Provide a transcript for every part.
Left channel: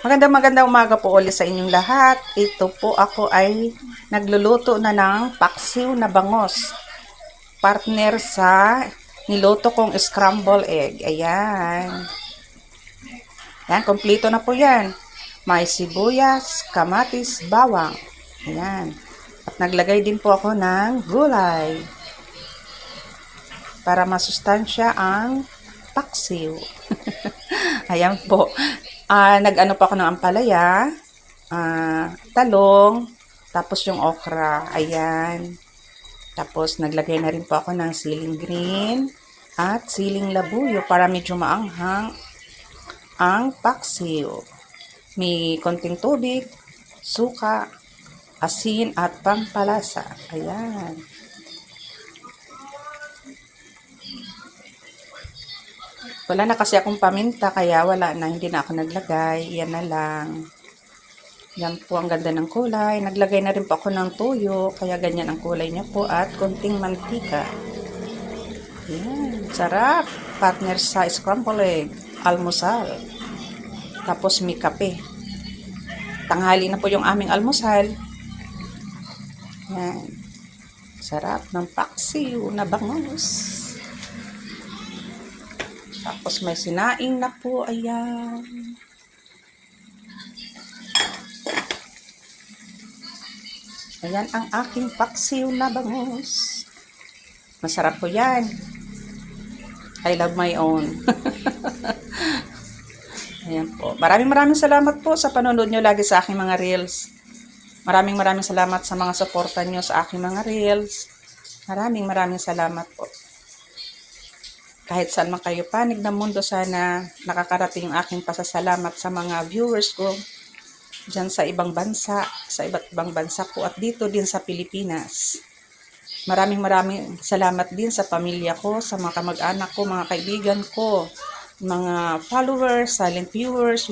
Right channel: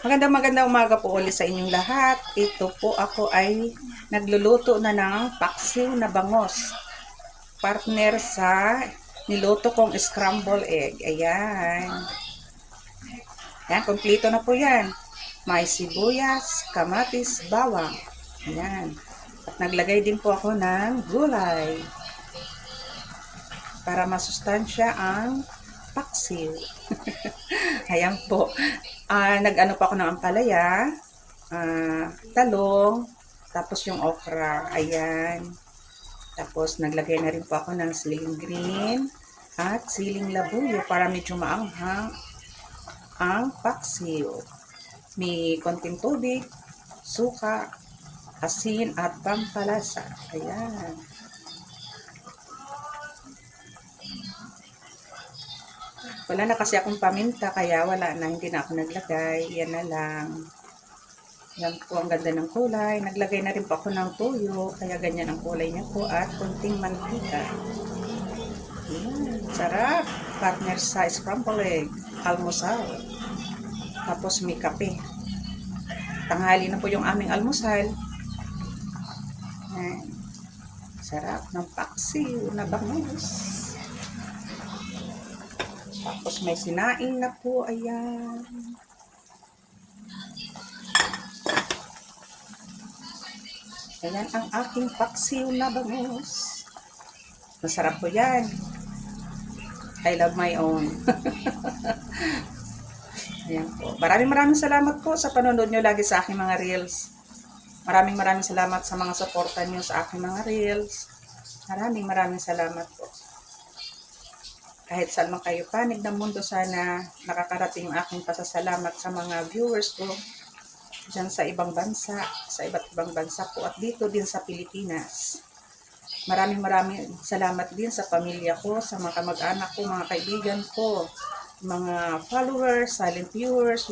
Magandang umaga po ulit sa inyong lahat. Ito po ako ay nagluluto na ng paksiw na bangos. Partner sa niluto kong scramble egg. Ayan. Ayan, kompleto na po yan. May sibuyas, kamatis, bawang. Ayan. At naglagay din po ako ng gulay para masustansya ang paksiw. Ayan po. Nag-ano pa ako ng ampalaya, talong, tapos yung okra. Ayan. Tapos naglagay na rin po ako ng siling green at siling labuyo para medyo maanghang ang paksiw. May konting tubig, suka, asin at pampalasa. Ayan. Wala na kasi akong paminta kaya wala na, hindi na ako naglagay. Yan na lang. Yan po ang ganda ng kulay. Naglagay na rin po ako ng tuyo kaya ganyan ang kulay niya po at konting mantika. Yan, sarap. Partner sa scramble egg, almusal. Tapos may kape. Tanghali na po yung aming almusal. Yan. Sarap ng paksiw na bangus. Tapos may sinaing na po, ayan. Ayan ang aking paksiw na bangus. Masarap po yan. I love my own. Ayan po. Maraming salamat po sa panonood nyo lagi sa aking mga reels. Maraming salamat sa mga suporta nyo sa aking mga reels. Maraming salamat po. Kahit saan man kayo panig ng mundo, sana nakakarating yung aking pasasalamat sa mga viewers ko dyan sa ibang bansa, sa iba't ibang bansa po at dito din sa Pilipinas. Maraming salamat din sa pamilya ko, sa mga kamag-anak ko, mga kaibigan ko, mga followers, silent viewers,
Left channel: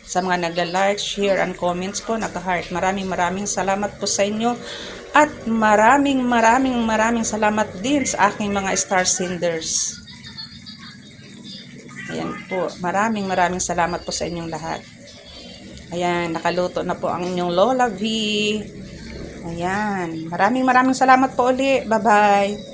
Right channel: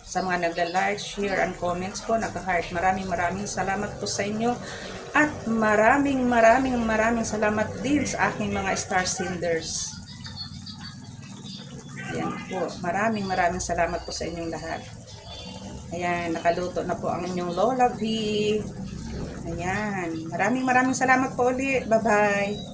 sa mga nagla-like, share, and comments po, nag-heart. Maraming salamat po sa inyo. At maraming salamat din sa aking mga star senders. Ayan po. Maraming salamat po sa inyong lahat. Ayan, nakaluto na po ang inyong Lola V. Ayan. Maraming salamat po ulit. Bye-bye.